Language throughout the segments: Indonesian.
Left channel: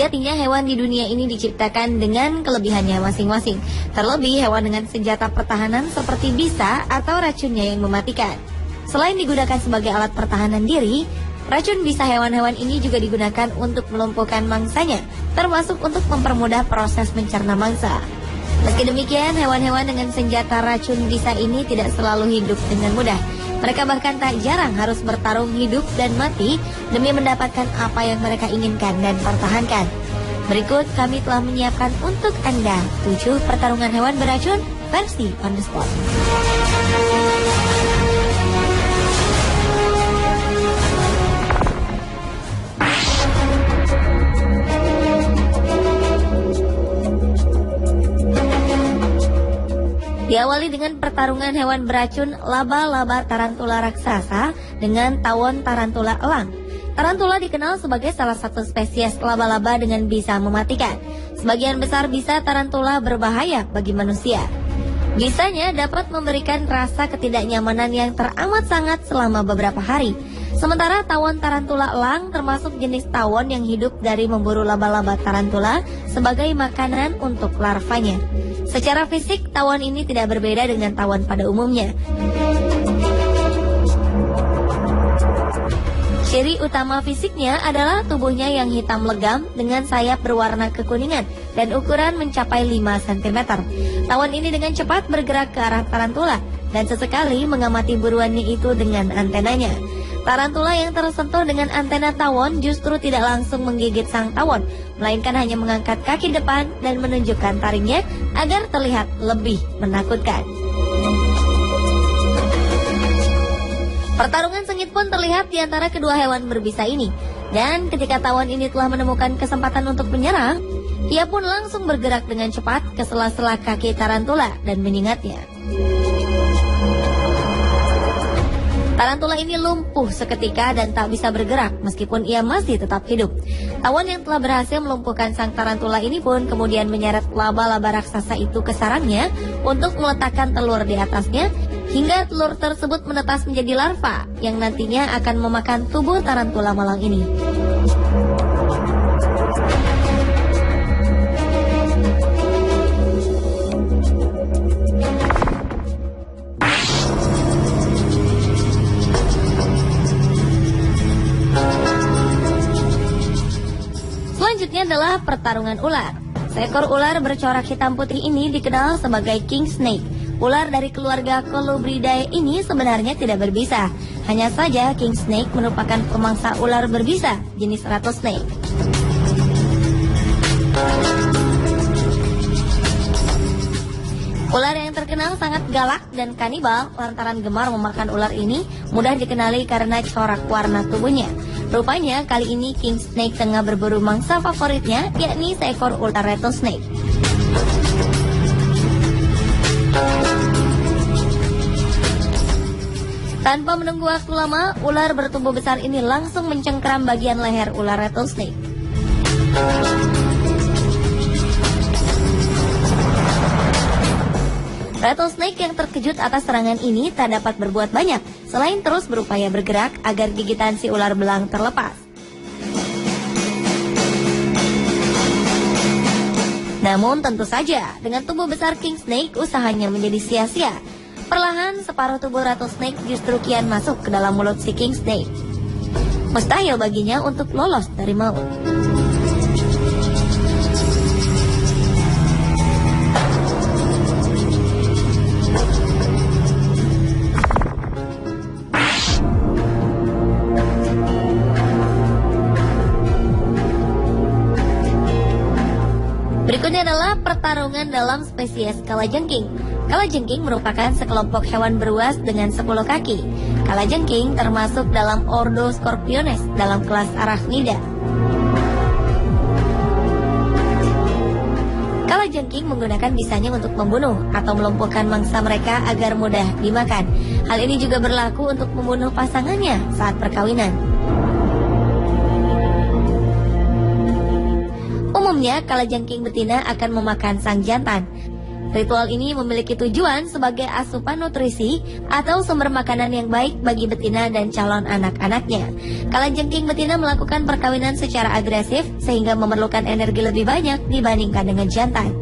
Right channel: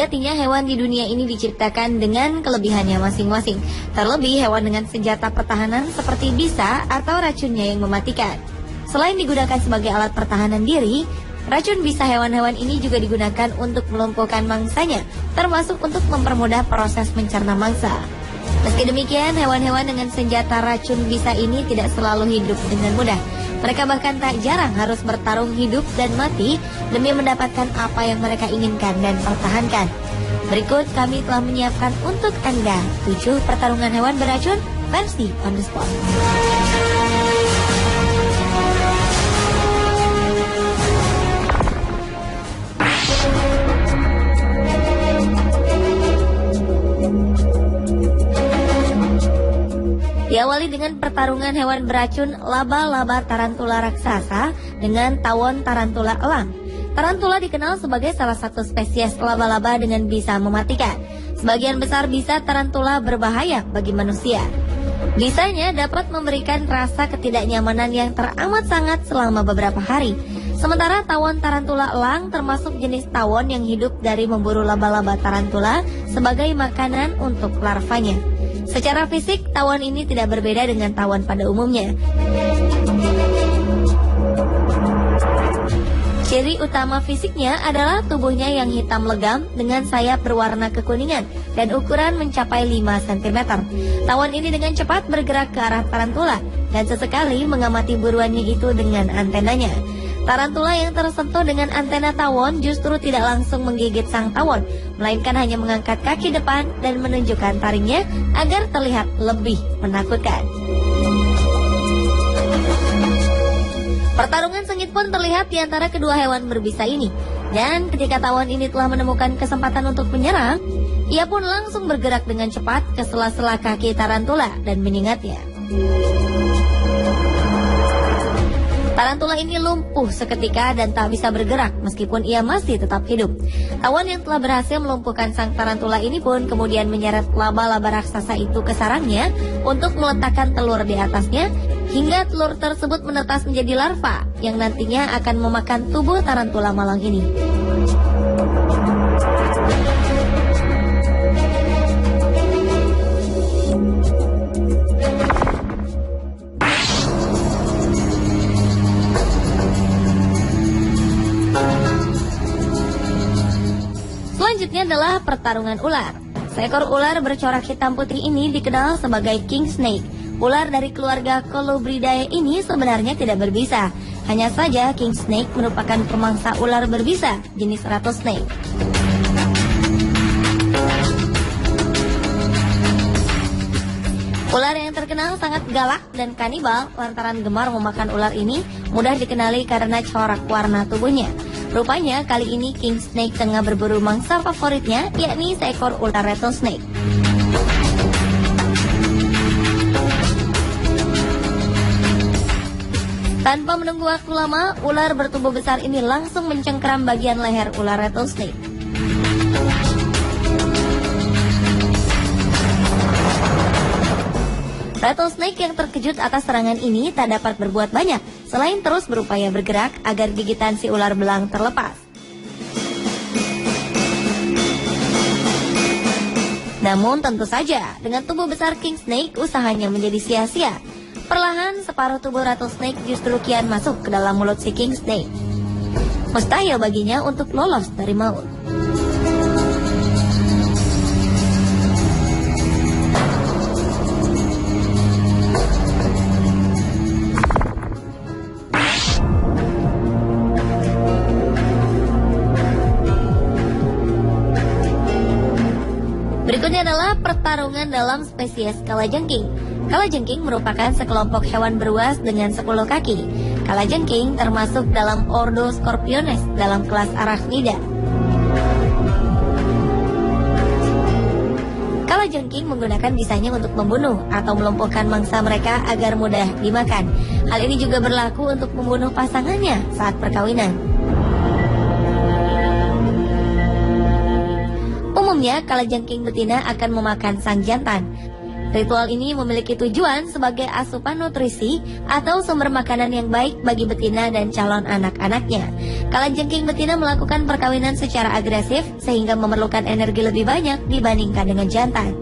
Sejatinya hewan di dunia ini diciptakan dengan kelebihannya masing-masing. Terlebih hewan dengan senjata pertahanan seperti bisa atau racunnya yang mematikan. Selain digunakan sebagai alat pertahanan diri, racun bisa hewan-hewan ini juga digunakan untuk melumpuhkan mangsanya, termasuk untuk mempermudah proses mencerna mangsa. Meski demikian, hewan-hewan dengan senjata racun bisa ini tidak selalu hidup dengan mudah. Mereka bahkan tak jarang harus bertarung hidup dan mati demi mendapatkan apa yang mereka inginkan dan pertahankan. Berikut kami telah menyiapkan untuk Anda 7 pertarungan hewan beracun versi On The Spot. Diawali dengan pertarungan hewan beracun laba-laba tarantula raksasa dengan tawon tarantula elang. Tarantula dikenal sebagai salah satu spesies laba-laba dengan bisa mematikan. Sebagian besar bisa tarantula berbahaya bagi manusia. Bisanya dapat memberikan rasa ketidaknyamanan yang teramat sangat selama beberapa hari. Sementara tawon tarantula elang termasuk jenis tawon yang hidup dari memburu laba-laba tarantula sebagai makanan untuk larvanya. Secara fisik, tawon ini tidak berbeda dengan tawon pada umumnya. Ciri utama fisiknya adalah tubuhnya yang hitam legam dengan sayap berwarna kekuningan dan ukuran mencapai 5 cm. Tawon ini dengan cepat bergerak ke arah tarantula dan sesekali mengamati buruannya itu dengan antenanya. Tarantula yang tersentuh dengan antena tawon justru tidak langsung menggigit sang tawon, melainkan hanya mengangkat kaki depan dan menunjukkan taringnya agar terlihat lebih menakutkan. Pertarungan sengit pun terlihat di antara kedua hewan berbisa ini. Dan ketika tawon ini telah menemukan kesempatan untuk menyerang, ia pun langsung bergerak dengan cepat ke sela-sela kaki tarantula dan menyengatnya. Tarantula ini lumpuh seketika dan tak bisa bergerak meskipun ia masih tetap hidup. Tawon yang telah berhasil melumpuhkan sang tarantula ini pun kemudian menyeret laba-laba raksasa itu ke sarangnya untuk meletakkan telur di atasnya hingga telur tersebut menetas menjadi larva yang nantinya akan memakan tubuh tarantula malang ini. Selanjutnya adalah pertarungan ular. Seekor ular bercorak hitam putih ini dikenal sebagai king snake. Ular dari keluarga Colubridae ini sebenarnya tidak berbisa. Hanya saja king snake merupakan pemangsa ular berbisa jenis rattlesnake. Ular yang terkenal sangat galak dan kanibal lantaran gemar memakan ular ini mudah dikenali karena corak warna tubuhnya. Rupanya kali ini king snake tengah berburu mangsa favoritnya, yakni seekor ular rattlesnake. Tanpa menunggu waktu lama, ular bertubuh besar ini langsung mencengkeram bagian leher ular rattlesnake. Rattlesnake yang terkejut atas serangan ini tak dapat berbuat banyak, selain terus berupaya bergerak agar gigitan si ular belang terlepas. Namun tentu saja, dengan tubuh besar king snake, usahanya menjadi sia-sia. Perlahan, separuh tubuh rattlesnake justru kian masuk ke dalam mulut si king snake. Mustahil baginya untuk lolos dari maut. Berikutnya adalah pertarungan dalam spesies kalajengking. Kalajengking merupakan sekelompok hewan beruas dengan 10 kaki. Kalajengking termasuk dalam ordo Scorpiones dalam kelas Arachnida. Kalajengking menggunakan bisanya untuk membunuh atau melumpuhkan mangsa mereka agar mudah dimakan. Hal ini juga berlaku untuk membunuh pasangannya saat perkawinan. Umumnya, kalajengking betina akan memakan sang jantan. Ritual ini memiliki tujuan sebagai asupan nutrisi atau sumber makanan yang baik bagi betina dan calon anak-anaknya. Kalajengking betina melakukan perkawinan secara agresif sehingga memerlukan energi lebih banyak dibandingkan dengan jantan.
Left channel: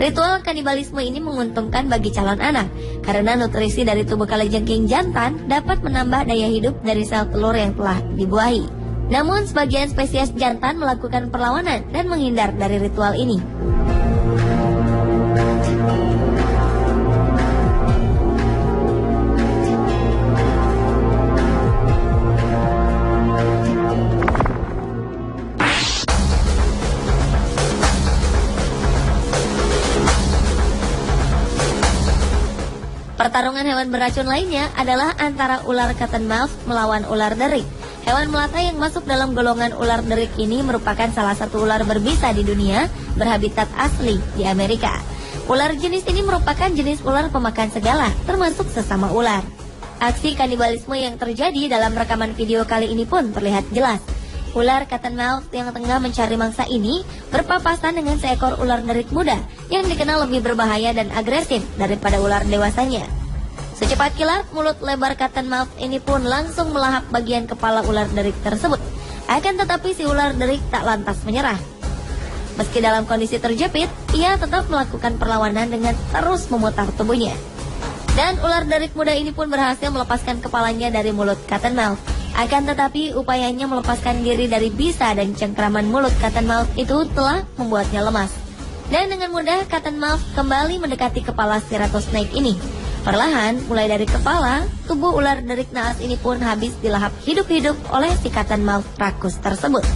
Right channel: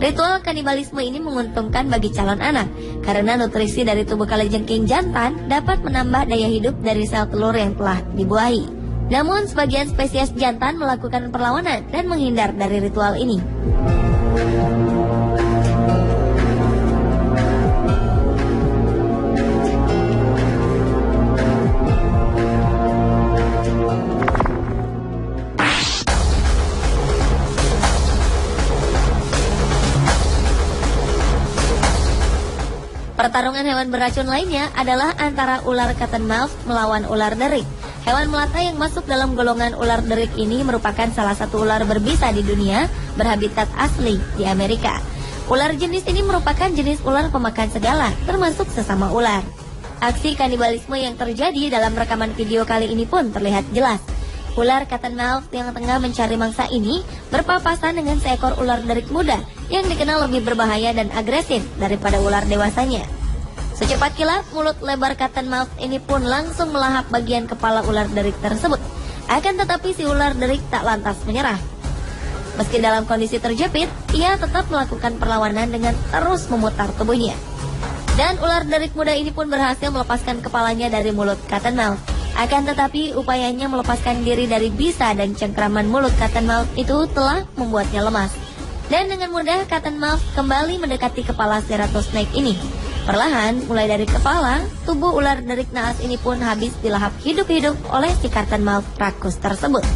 Ritual kanibalisme ini menguntungkan bagi calon anak karena nutrisi dari tubuh kalajengking jantan dapat menambah daya hidup dari sel telur yang telah dibuahi. Namun sebagian spesies jantan melakukan perlawanan dan menghindar dari ritual ini. Pertarungan hewan beracun lainnya adalah antara ular cottonmouth melawan ular derik. Hewan melata yang masuk dalam golongan ular derik ini merupakan salah satu ular berbisa di dunia berhabitat asli di Amerika. Ular jenis ini merupakan jenis ular pemakan segala, termasuk sesama ular. Aksi kanibalisme yang terjadi dalam rekaman video kali ini pun terlihat jelas. Ular cottonmouth yang tengah mencari mangsa ini berpapasan dengan seekor ular derik muda yang dikenal lebih berbahaya dan agresif daripada ular dewasanya. Secepat kilat, mulut lebar cottonmouth ini pun langsung melahap bagian kepala ular derik tersebut. Akan tetapi si ular derik tak lantas menyerah. Meski dalam kondisi terjepit, ia tetap melakukan perlawanan dengan terus memutar tubuhnya. Dan ular derik muda ini pun berhasil melepaskan kepalanya dari mulut cottonmouth. Akan tetapi upayanya melepaskan diri dari bisa dan cengkraman mulut cottonmouth itu telah membuatnya lemas. Dan dengan mudah cottonmouth kembali mendekati kepala si rattlesnake ini. Perlahan, mulai dari kepala, tubuh ular derik naas ini pun habis dilahap hidup-hidup oleh si cottonmouth rakus tersebut.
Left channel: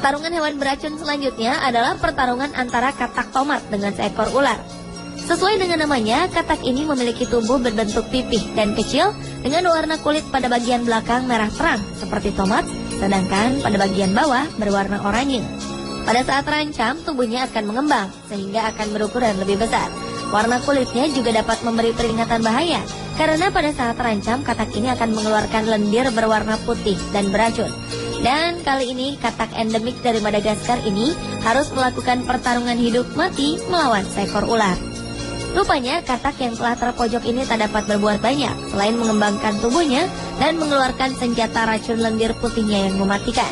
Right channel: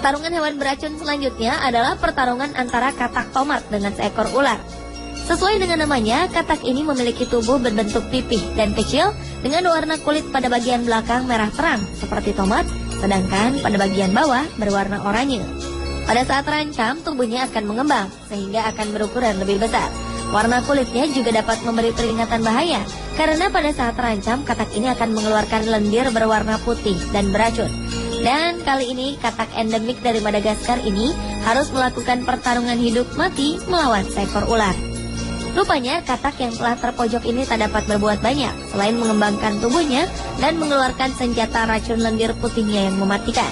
Pertarungan hewan beracun selanjutnya adalah pertarungan antara katak tomat dengan seekor ular. Sesuai dengan namanya, katak ini memiliki tubuh berbentuk pipih dan kecil dengan warna kulit pada bagian belakang merah terang seperti tomat, sedangkan pada bagian bawah berwarna oranye. Pada saat terancam, tubuhnya akan mengembang sehingga akan berukuran lebih besar. Warna kulitnya juga dapat memberi peringatan bahaya karena pada saat terancam, katak ini akan mengeluarkan lendir berwarna putih dan beracun. Dan kali ini katak endemik dari Madagaskar ini harus melakukan pertarungan hidup mati melawan seekor ular. Rupanya katak yang telah terpojok ini tak dapat berbuat banyak selain mengembangkan tubuhnya dan mengeluarkan senjata racun lendir putihnya yang mematikan.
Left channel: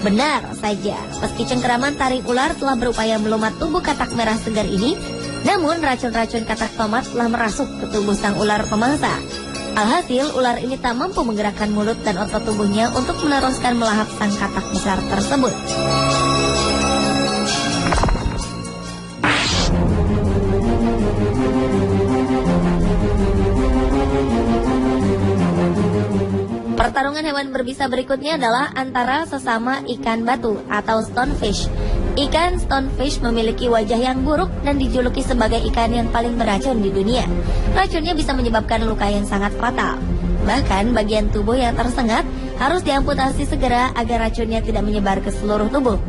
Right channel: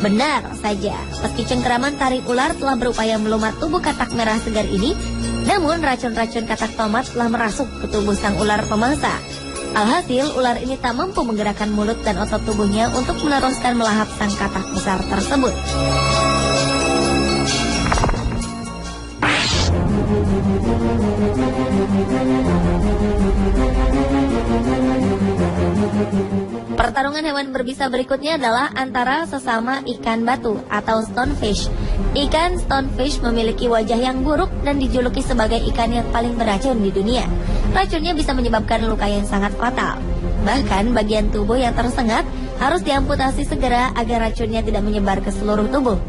Benar saja, meski cengkeraman taring ular telah berupaya melumat tubuh katak merah segar ini, namun racun-racun katak tomat telah merasuk ke tubuh sang ular pemangsa. Alhasil, ular ini tak mampu menggerakkan mulut dan otot tubuhnya untuk meneruskan melahap sang katak besar tersebut. Pertarungan hewan berbisa berikutnya adalah antara sesama ikan batu atau stonefish. Ikan stonefish memiliki wajah yang buruk dan dijuluki sebagai ikan yang paling beracun di dunia. Racunnya bisa menyebabkan luka yang sangat fatal. Bahkan bagian tubuh yang tersengat harus diamputasi segera agar racunnya tidak menyebar ke seluruh tubuh.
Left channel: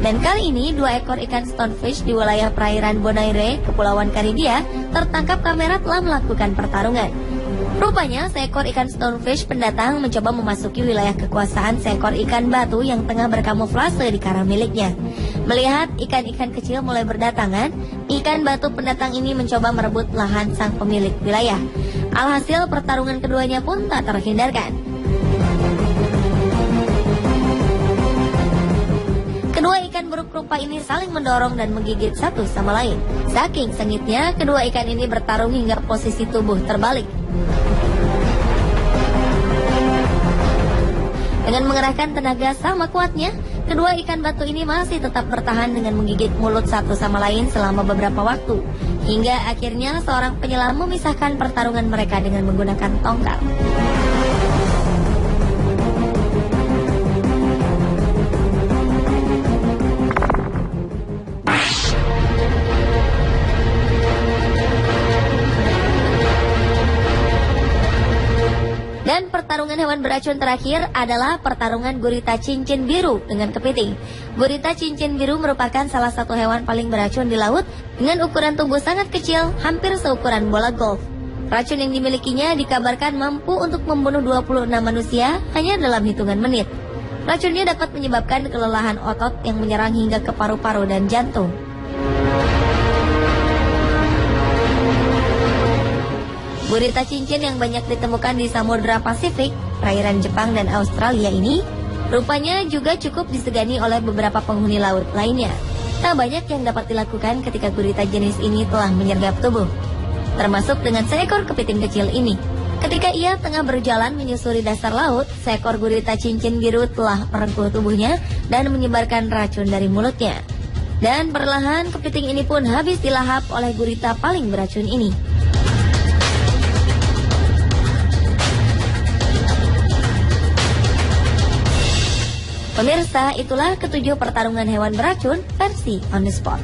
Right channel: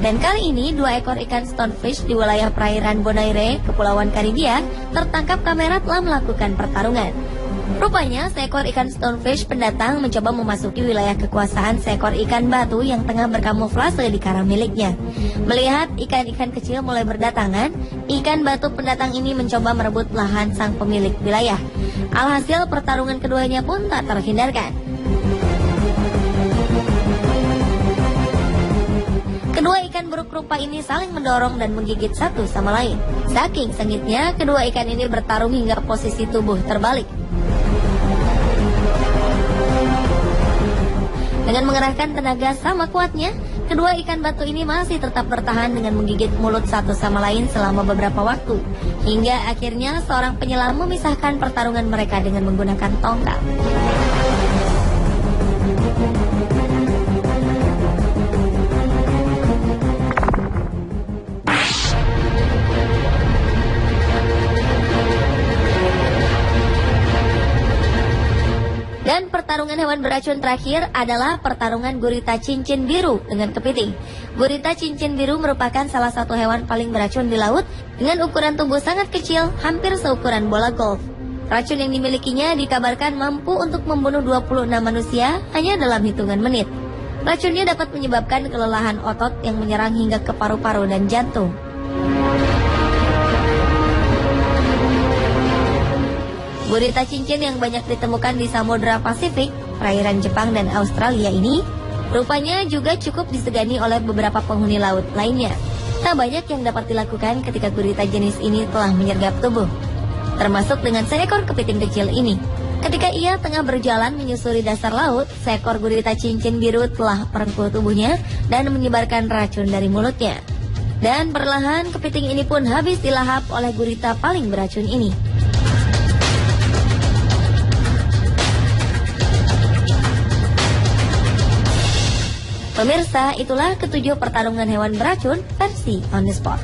Dan kali ini 2 ekor ikan stonefish di wilayah perairan Bonaire, Kepulauan Karibia, tertangkap kamera telah melakukan pertarungan. Rupanya seekor ikan stonefish pendatang mencoba memasuki wilayah kekuasaan seekor ikan batu yang tengah berkamuflase di karang miliknya. Melihat ikan-ikan kecil mulai berdatangan, ikan batu pendatang ini mencoba merebut lahan sang pemilik wilayah. Alhasil pertarungan keduanya pun tak terhindarkan. Kedua ikan buruk rupa ini saling mendorong dan menggigit satu sama lain. Saking sengitnya, kedua ikan ini bertarung hingga posisi tubuh terbalik. Dengan mengerahkan tenaga sama kuatnya, kedua ikan batu ini masih tetap bertahan dengan menggigit mulut satu sama lain selama beberapa waktu. Hingga akhirnya seorang penyelam memisahkan pertarungan mereka dengan menggunakan tongkat. Dan pertarungan pertarungan hewan beracun terakhir adalah pertarungan gurita cincin biru dengan kepiting. Gurita cincin biru merupakan salah satu hewan paling beracun di laut dengan ukuran tubuh sangat kecil, hampir seukuran bola golf. Racun yang dimilikinya dikabarkan mampu untuk membunuh 26 manusia hanya dalam hitungan menit. Racun ini dapat menyebabkan kelelahan otot yang menyerang hingga ke paru-paru dan jantung. Gurita cincin yang banyak ditemukan di Samudra Pasifik, perairan Jepang dan Australia ini, rupanya juga cukup disegani oleh beberapa penghuni laut lainnya. Tak banyak yang dapat dilakukan ketika gurita jenis ini telah menyergap tubuh, termasuk dengan seekor kepiting kecil ini. Ketika ia tengah berjalan menyusuri dasar laut, seekor gurita cincin biru telah merengkuh tubuhnya dan menyebarkan racun dari mulutnya. Dan perlahan kepiting ini pun habis dilahap oleh gurita paling beracun ini. Pemirsa, itulah ketujuh pertarungan hewan beracun versi On The Spot.